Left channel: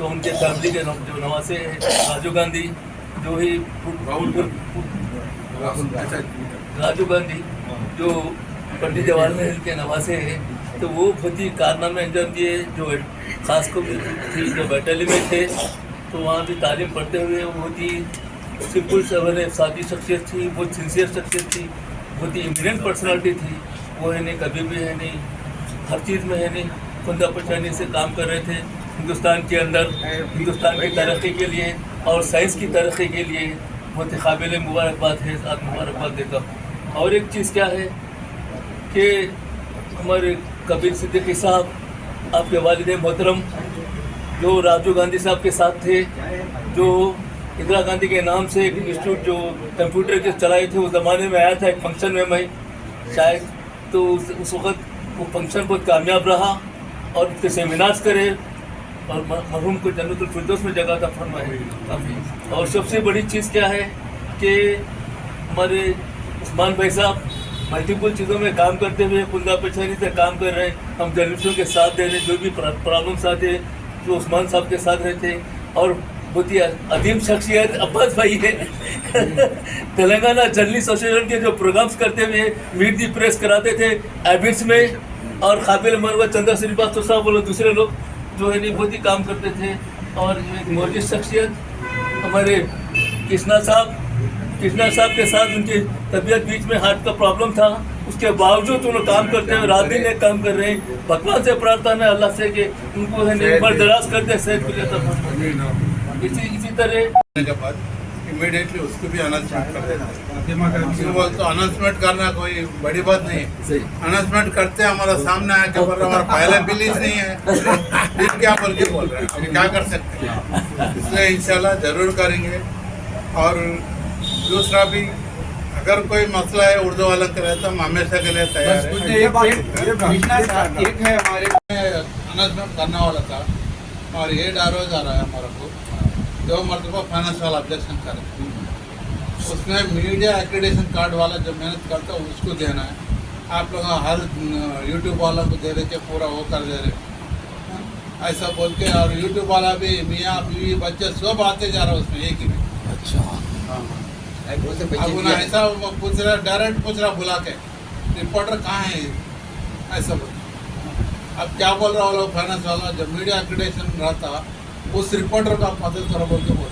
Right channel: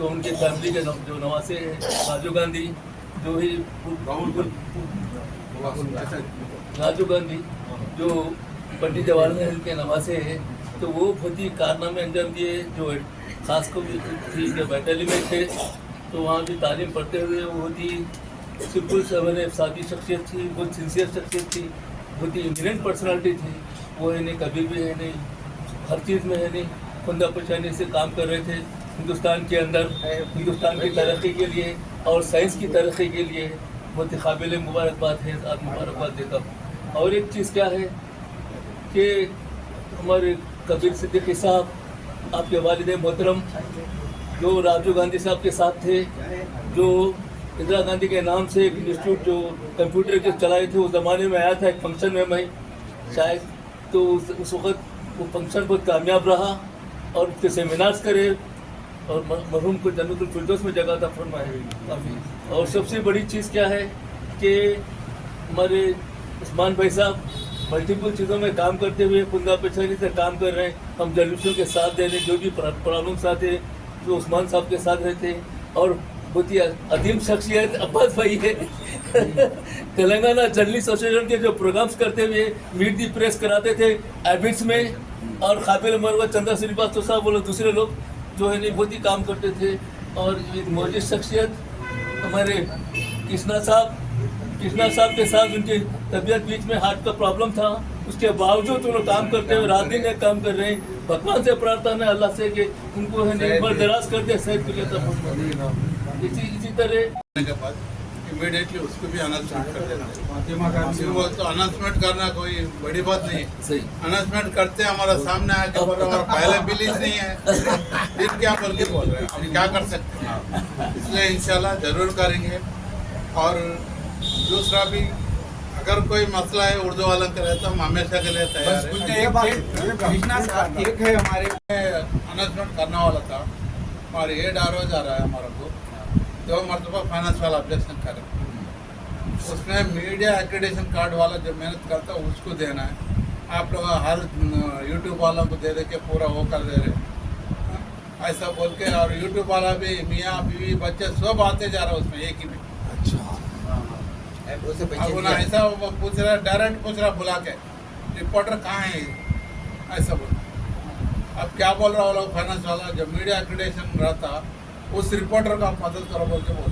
तो उनके फैमिली के जो नवासे हैं राजीव गांधी, जो ही राजीव गांधी जो पंडित जवाहरलाल नेहरू के नवासे हैं, तो वो बहुत ही कारनामे अंजाम दिए। जो खासकर थी जो बैटालियन में थे, तो वहाँ भी तालीम पढ़ते हुए बहुत ही सिंपल सवेरे सादी शख्सियत थी, बहुत सिंसियर शख्सियत थी, बहुत ही इंटेलिजेंट पर्सनालिटी थी। वो है नहीं, कभी भी है नहीं, हर चीज़ में है नहीं, खुंदा पचानी से काम कर रहे थे हिंदुस्तान के अंदर, हिंदुस्तान की तरक्की के लिए और साइंस की तरक्की के लिए। बहुत ही काबिल मुबारकबाद है, आज मुबारकबाद देता हूँ। और एक चीज़ क्या है कि हमारे कबीर सिद्दीकी साहब, आपके वालिद मोहतरम, जो राजीव गांधी साहब के साथ थे, जो इंदिरा गांधी के नाम से एक इंस्टीट्यूट जो कंप्यूटर के चलाए थे, उस ज़माने में आया था एक फंक्शन में मैं शायद, तो उस वक्त वो फंक्शन बहुत कामयाब रहा और उसके सेमिनार्स करे और मरहूम को जन्नतुल फिरदौस में जगह था फरमाए काफ़ी। और सबसे बड़ी चीज़ क्या है कि हमारे उस्मान भाई साहब मल्टीपल चीज़ों में काम करते हुए कुंदा पेशानी से काम कर रहे हैं। हम जनरेशन के साथ दे रहे हैं, जो भी प्रॉब्लम्स आते जो उस्मान साहब के साथ रहते हैं। और बहुत ही अदीम शख्सियत अब्बास भाई है तेलंगाना जर्नलिस्ट एसोसिएशन के जो प्रोग्राम्स करते हुए मीट दी प्रेस कराते थे एबिट्स में, और काबिल मनवा चंदा श्रीवास्तव साहब बोलो दूसरे लोग जो है नहीं बहुत ही काम करते थे। और एक मौजूद शख्सियत हमारे कृष्णा साहब के साथ उनकी तबीयत बीच में हार्ट का प्रॉब्लम था, उसके बावजूद उन्होंने काम करते हुए रात दिन एक काम कर रहे हैं। भगवान से प्रार्थना है अल्लाह से कि उनको है नहीं उम्र दराज करते सेहत के लिए। इसी तरह के बाद इमीडिएटली उसको भी अनाउंसमेंट कर देना। तो अनाउंसमेंट करना कोई बड़ी बात नहीं है, अनाउंसमेंट करते हमारा सामने आके बोल हमारा पहला बिलीज नहीं है, फिर क्या बोल के बोल रहे हैं, क्या कर सकते हैं। इसलिए इंशाल्लाह जरूर करेंगे। और दूसरा भी अगर कोई मसला है उर्दू वाला के लिए तो हम हमेशा के लिए तैयार है। एक है हमारे अनाउंसमेंट करने वाला था और ये डारोज आ रहा है हमारा को जो मरतबा फाइनेंस वाला ऑब्जेक्शन करे, उसने मीडिया एक्रेडिटेशन कार्ड वाला जो मेहनत करता है उसको देना है। आप लोग हर यूट्यूब वालों को दे रहे के पूरा वो कर दे रहे ऐसा बोल के। और यूट्यूब वाला भी मियाँ बीवी बच्चे सब आते जा रहा है उसमें एक ही में। अच्छा ऐसा पूछ रहा, डायरेक्ट पूछ रहा बुला के रिपोर्टर कहाँ है ऐसा बोल। अब क्या बोल रहा वो लोग फाइनेंस वाला जब मीडिया एक्रेडिटेशन रहता उस रिपोर्टर को आप मदद करो बोल के बोल।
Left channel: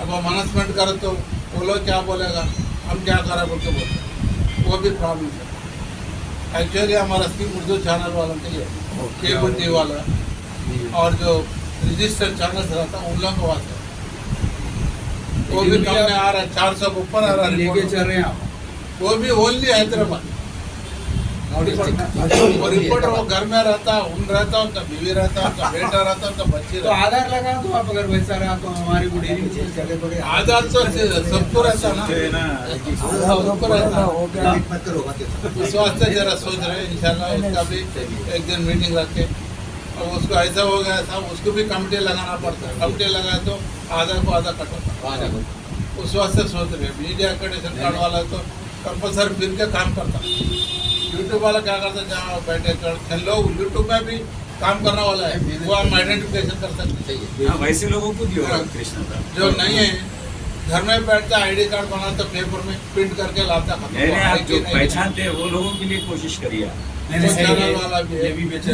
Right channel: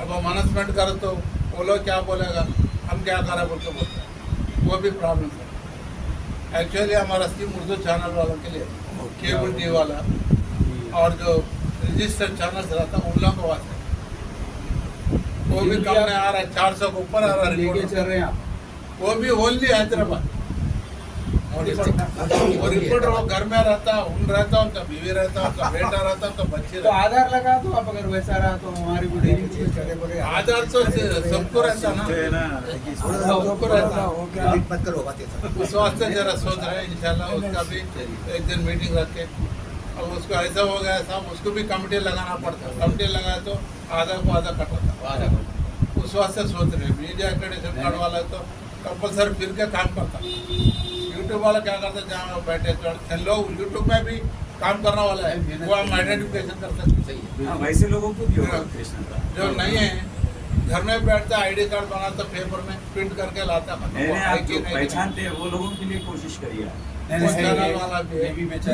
अब हम अनाउंसमेंट करें तो वो लोग क्या बोलेगा, हम क्या करें बोल के बोल, वो भी प्रॉब्लम है। एक्चुअली हमारा स्कीम उर्दू चैनल वालों के लिए केबल टीवी वाला और जो रजिस्टर्ड चैनल रहता उन लोगों को वास्ते वो भी काम में आ रहा है, 400 के ऊपर आ रहा है लेके चल रहे हैं आप। वो भी ओनली हैदराबाद। और रिपोर्टर वो घर में रहता, उन रहता, उनका बीवी रहता, उनका बेटा रहता, उनका बच्चे तो आधार लगा तो आप अगर वैसा रहा तो हमारी को डेली चेंज करने पड़ेगा। आधार तो सबको रहता ना, सबको रहता। उस वास्ते जरा सोच रहे इंशाल्लाह उसका भी एक दिन मीटिंग रख के। अब उसको ऐसा हो गया था, उसको भी कमिटी लगाना पड़ता है। कमिटी लगाए तो आधा को आधा कट होता। उस वास्ते सोच रहे मीडिया एक्रेडिटेशन कार्ड वाला तो कंपलसरी फिर के काम करता। यूट्यूब वाला क्या करता, जहाँ बैठे लोग यूट्यूब में भी काम करने वाला है, वो हम आइडेंटिफिकेशन कर सकते हैं। वैसे लोगों को जो नहीं है घर में बैठता आईडी कार्ड बनाता, पेपर में प्रिंट करके लाता। आप जो पहचानते हैं वो लोगों के लिए कोशिश करिए। वाला भी ये भी बेचा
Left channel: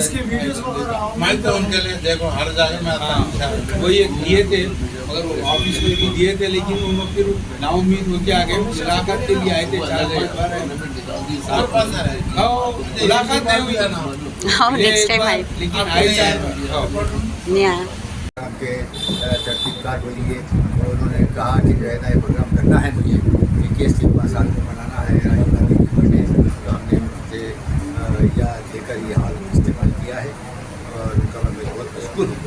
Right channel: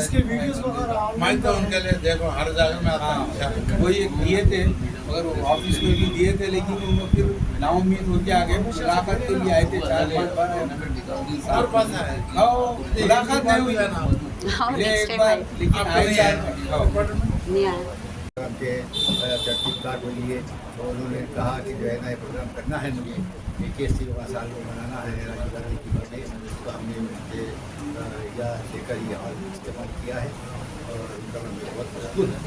मैं तो उनके लिए देखो हर जगह में आता हूँ। वो ये दिए थे, अगर ऑफिस में भी दिए थे, लेकिन उन लोग फिर नाउमीद होके आगे मुलाकात के लिए आए थे 4-5 बार साल पास है मुलाकात नहीं हुई है ना। नेक्स्ट टाइम आए लेकिन आए के तरतीबकार को लिए और उन्होंने कहा कि जो है ना ये प्रोग्राम करना है मुझे, कि केस के पास आकर बनाना है राजीव गांधी की बर्थडे, तो हमने उनसे याद लेकर ये हाल इस्तेमाल किया है और उनका मैं बहुत मशहूर हूँ।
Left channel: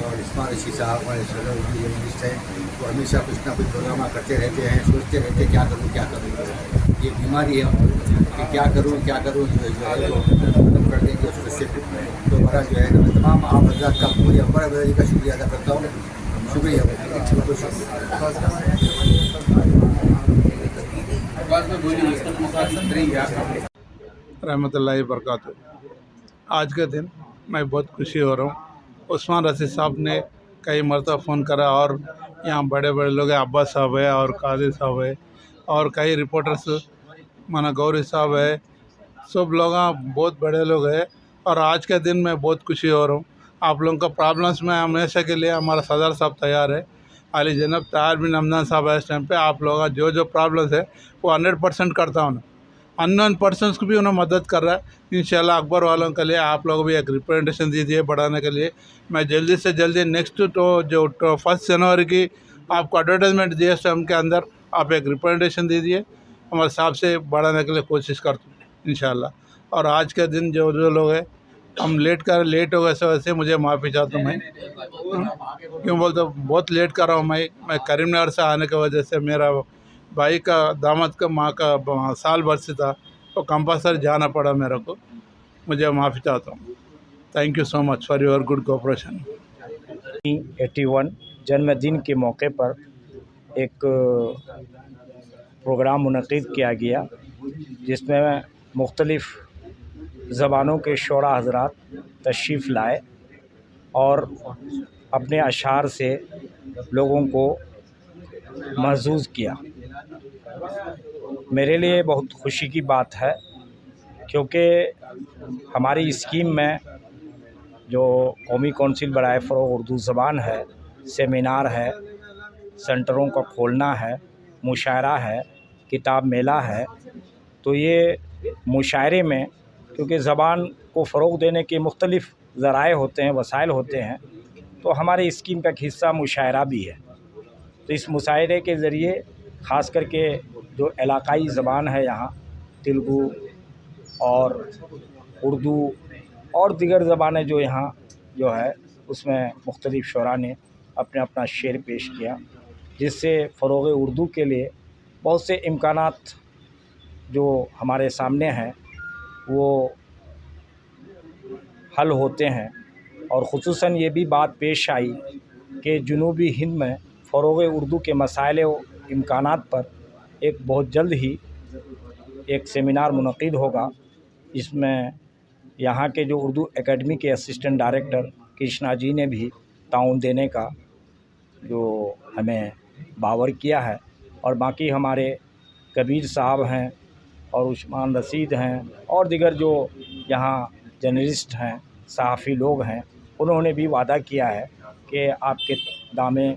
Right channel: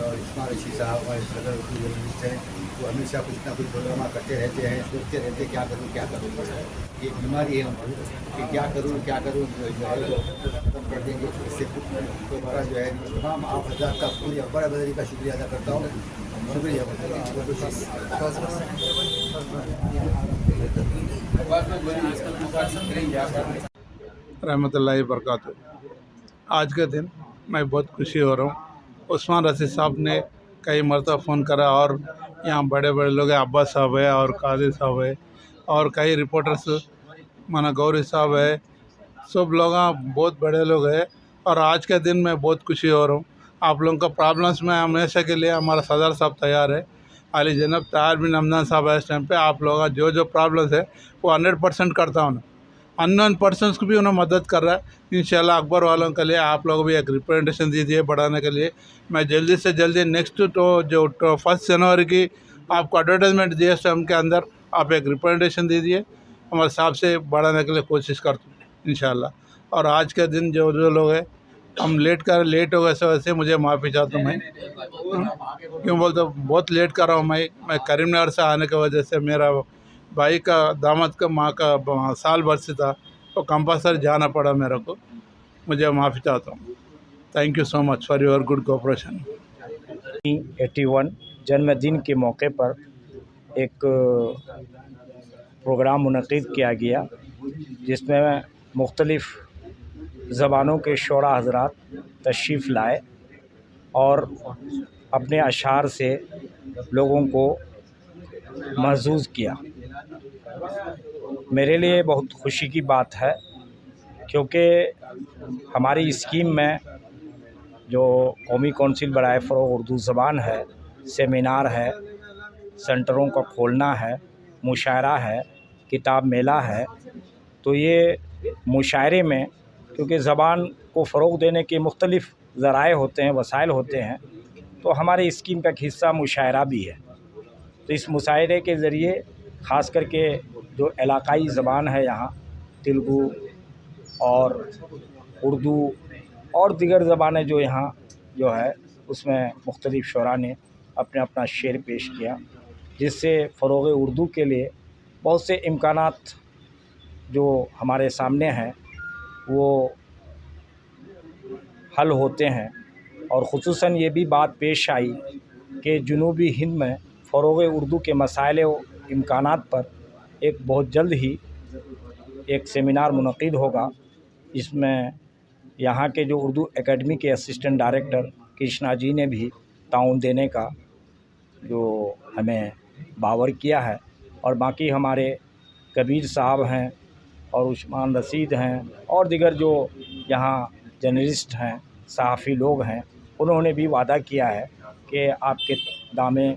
और इस्माल रशीद साहब हमारे सदर उर्दू जर्नलिस्ट हैं, तो हमेशा कुछ ना कुछ प्रोग्राम करते रहते हैं, सोचते रहते क्या करूँ। ये बीमारी है कि क्या करूँ खत्म कर देंगे उससे। तो हमारा जो है तमाम आप हजरात का पूरी हमारा बदारी का शुक्रिया अदा करता हूँ। शुक्रिया। रहमतुल्लाहि बरकातहू। आज के दिन मैं बहुत खुशी हो रहा हूँ उस्मान रशीद साहब ने कई मरतबा फ़ोन करा, और यहाँ बड़े बड़े लोग हैं, अब्बास साहब है और कादिर साहब है और कई रिपोर्टर्स माना गौरी साहब है, सब लोग बहुत बड़े लोग हैं। और आज के दिन में बहुत खुशी हो रहा हूँ। आप लोगों का प्रॉब्लम्स में हमेशा के लिए हमारा सदर साहब तैयार है, अली जनाब तार बिन हमदान साहब है। इस टाइम पे आप लोगों का जो जो प्रॉब्लम्स है वो 100% करता हूँ। अननोन पर्सनस को भी उन्हें मदद कर रहा है। इंशाल्लाह अकबर वालों के लिए आप लोग भी एक रिप्रेजेंटेशन दीजिए बढ़ाने के लिए। मैं जल्दी से जल्दी नेक्स्ट जो 1 जनवरी की आपको एडवर्टाइजमेंट दिए टाइम के अंदर आप एक रिप्रेजेंटेशन दीजिए, हमारे साहब से बढ़ाने के लिए कोशिश करता हूँ इंशाल्लाह। और आज के दिन जो जो लोग हैं हम लेट हो गए, वैसे मुझे माफ़ी चाहता हूँ। मैं क्यों बोलते बहुत लेट कर रहा हूँ। मैं करीमनगर से आने की वजह से मेरा भाई का दामाद का माँ का साल बरसी था, तो कंपल्सरी जाना पड़ा मेरे को। मुझे माफ़ी चाहता हूँ। Thank you so much for your good cooperation. 81 जन्मदिन के मौके पर एक प्रोग्राम मुनक़िद किया गया, जिसमें मुख्तलिफ़ ज़बानों के शोरा हज़रात तशरीफ़ लाए और अपने अशार से लोगों को महज़ूज़ किया। मेरे लिए बहुत खुशी की बात है, क्योंकि हमारी स्कीम में जो कौमी कौंसिल बराए फ़रोग़ उर्दू ज़बान है, सेमिनार है, सेंटरों का खोलना है, मुशायरा है, किताब मेला है। तो ये मुशायरे में क्योंकि ज़बान को फ़रोग़ देने के मुख्तलिफ़ ज़राए होते हैं, वसाइल होते हैं, तो हमारे स्कीम का एक हिस्सा मुशायरा भी है। तो इस मुशायरे के ज़रिए ख़ास करके जो इलाक़ाई ज़बान है यहाँ तेलुगु और उर्दू और दीगर ज़बानें जो यहाँ जो है, उसमें मुख्तलिफ़ शोरा ने अपना अपना शेर पेश किया, जिससे फ़रोग़ उर्दू के लिए बहुत से इम्कानात जो हमारे सामने हैं वो हल होते हैं। और ख़ुसूसन ये भी बात पेश आई कि जुनूबी हिंद में फ़रोग़ उर्दू के मसाइल व इम्कानात पर एक बहुत जल्द ही एक सेमिनार मुनक़िद होगा। इसमें यहाँ के जो उर्दू एकेडमी के असिस्टेंट डायरेक्टर कृष्णा जी ने भी ताउन देने का जो हमें बावर किया है, और बाकी हमारे कबीर साहब हैं और उस्मान रशीद हैं और दिगर जो यहाँ जर्नलिस्ट हैं, सहाफ़ी लोग हैं, उन्होंने भी वादा किया है कि आपके दामे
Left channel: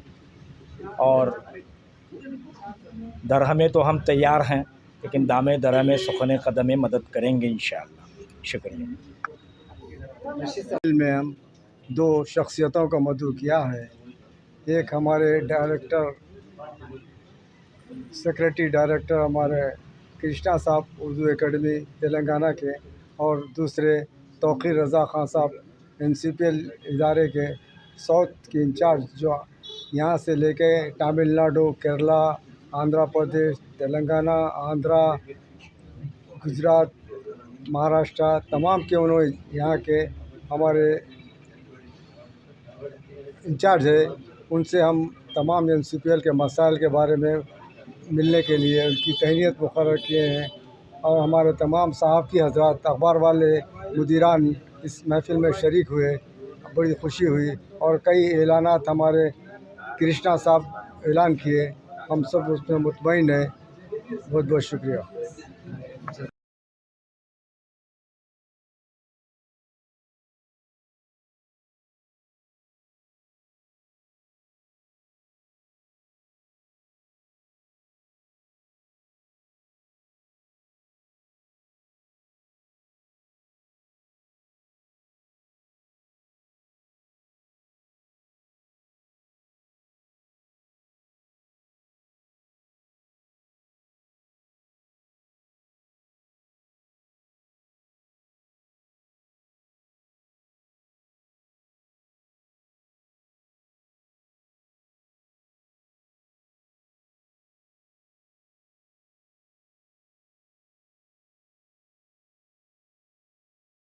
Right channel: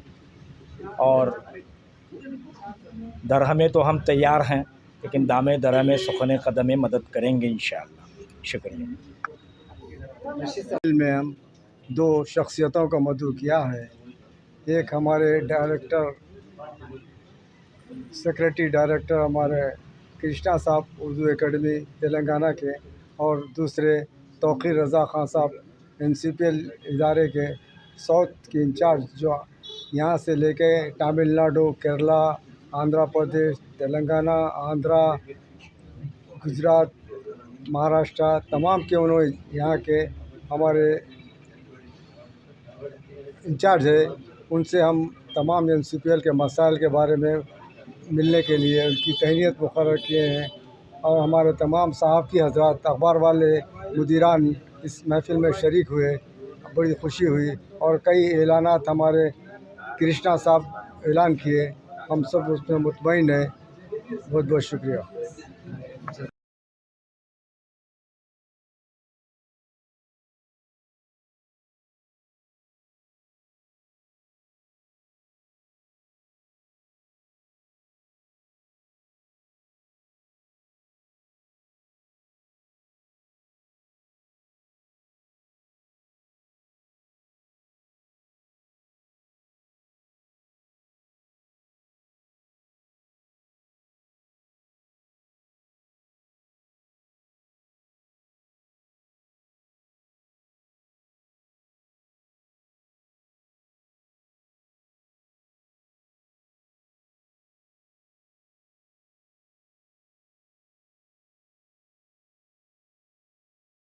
और दरहमे तो हम तैयार हैं, लेकिन दामे दरहमे सुखने कदमे मदद करेंगे इंशाअल्लाह। शुक्रिया। में हम 2 शख्सियतों का मदऊ किया है। एक हमारे सेक्रेटरी डायरेक्टर हमारे कृष्णा साहब उर्दू एकेडमी तेलंगाना के, और दूसरे तौक़ीर रज़ा ख़ान साहब NCPL इदारे के साउथ के इंचार्ज, जो यहाँ से लेके तमिलनाडु, केरला, आंध्र प्रदेश, तेलंगाना, आंध्रा, गुजरात, महाराष्ट्र तमाम के उन्होंने यहाँ के हमारे इंचार्ज है। उनसे हम तमाम NCPL के मसाइल के बारे में मिलने के लिए उनकी तहनीत मुकर्रर किए हैं। और हमारे तमाम सहाफ़ी हज़रात, अखबार वाले, मुदीरान इस महफ़िल में शरीक हुए, बड़ी खुशी हुई। और कई ऐलानात हमारे कृष्णा साहब ऐलान किए, हम सब उसमें मुतमईन हैं। बहुत बहुत शुक्रिया।